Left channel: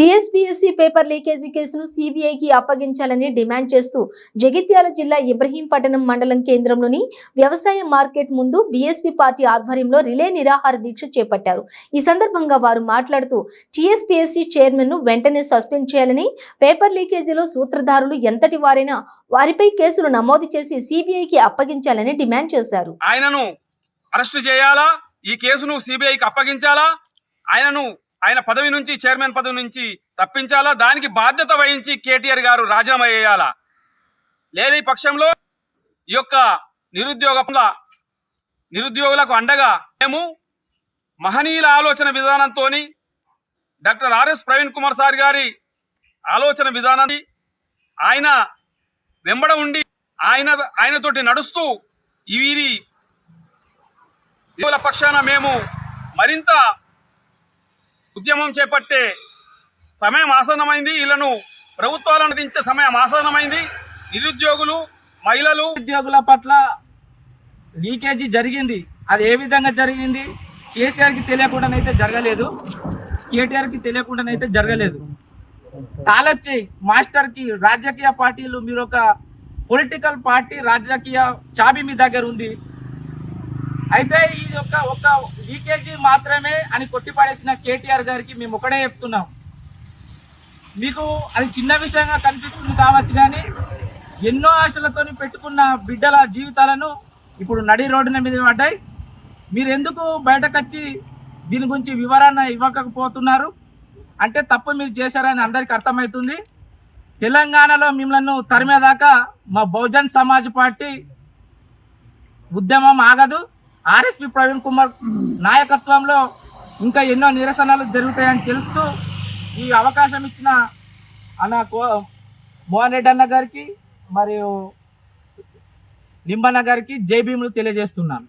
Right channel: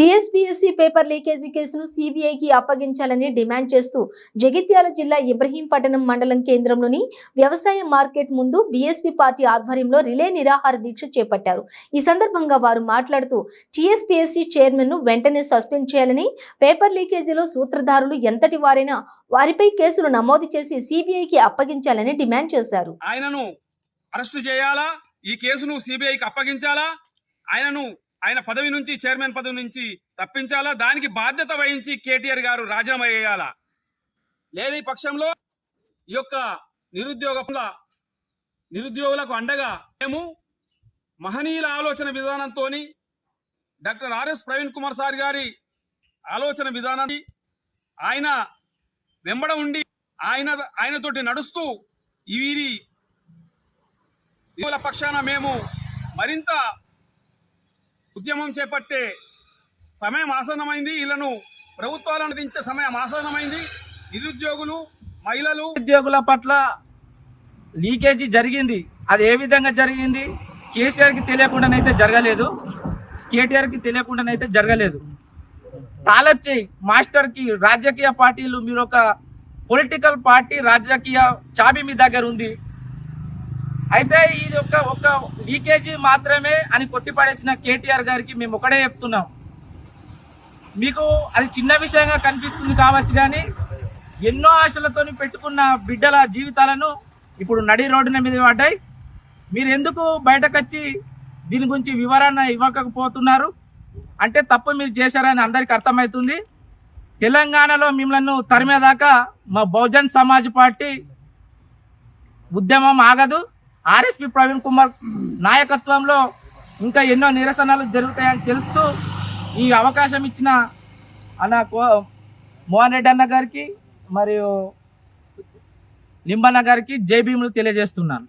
TSPSC paper leakage కేసును సీబీఐకి అప్పగించాలని demand చేస్తూ జగిత్యాల జిల్లా ఇబ్రహీంపట్నం మండలం కేంద్రంలోని వ్యవసాయ మార్కెట్ ముందు బీఎస్పీ పార్టీ ఆధ్వర్యంలో రిలే నిరాహార దీక్ష చేపట్టారు. ఈ సందర్భంగా వారు మాట్లాడుతూ టీఎస్పీఎస్సీ చైర్మన్ ను వెంటనే సస్పెండ్ చేయాలని, పేపర్ లీకేజీలో సూత్రధారులు ఎంతటి వారైనా వారిపై కేసులు నమోదు చేసి సీబీఐకి అప్పగించాలని డిమాండ్ చేశారు. ఆయనను అరెస్టు చేయాలా, ఈ కేసును సీబీఐకి అప్పగించాలా, ఆయన పదవి నుంచి, చైర్మన్ పదవి నుంచి తప్పించాలా, దానికి బాధ్యత వహించి కేటీఆర్ గారు రాజీనామా చేయాలా. లేని పక్షంలో ఈ యొక్క నిరుద్యోగులకు అండగా మేము మహనీయుల ఆలోచన విధానంతో doctor RS Praveen Kumar sir గారి ఆలోచన విధానాన్ని ఆయన వెంబడ ఉండి ఆయనతోటి నడుస్తూ వీరి పక్షాన మేము మరింత ఉద్యమం చేపట్టే సమయం ఆసన్నమైంది. వీళ్ళను ప్రభుత్వాలను దించే సమయం ఆసన్నమైంది. నిరుద్యోగులు, మహిళలు, ఉద్యోగుల పట్ల లీకేజీ జరిగింది. అది ఏ విధంగా జరిగింది? కేసీఆర్కి తెలియకుండానైతే జరగలేదు, కేటీఆర్కి తెలియకుండానైతే జరగలేదు. తాలబ్ చేయి మాస్టర్కి రాజకీయ పార్టీలు, మీరు ఒక పొలిటికల్ పార్టీ, రాజకీయ చాబీ మీ దగ్గర ఉంది. అయితే ఇది ఒక లీకేజీ మాత్రమే అని కొట్టిపడేసిన కేటీఆర్ గారికి మేము ఒకటే చెప్తున్నాం, మీకు అది చిన్న విషయంగా కనిపిస్తుంది కావచ్చు, కానీ ఎన్నో ఆశలతో పెట్టుకున్న బిడ్డల జీవితాలను ఇప్పుడు నడి రోడ్డున మీద పడ్డాయి. మీరు ఎందుకు బయటకు వచ్చి దీని గురించి వివరణ ఇవ్వకపోతున్నారు అంటే తప్పు మీరు చేశారని అందరికీ అర్థమవుతుంది. తెలంగాణలో మిమ్మల్ని తరిమేదాకా మా బహుజన్ సమాజ్ పార్టీ ఉద్యమం ఆగదు. ఆర్ఎస్పీ ప్రవీణ్ కుమార్ నాయకత్వంలో ఇంకా ఎన్నో నిరసనలు జరుగుతాయని తెలుస్తూ ఈ అవకాశం ఇచ్చిన మోహన్ రెడ్డి అన్న గారికి మరియు నింబన్న గారికి జై భీములు తెలియజేస్తున్నాను.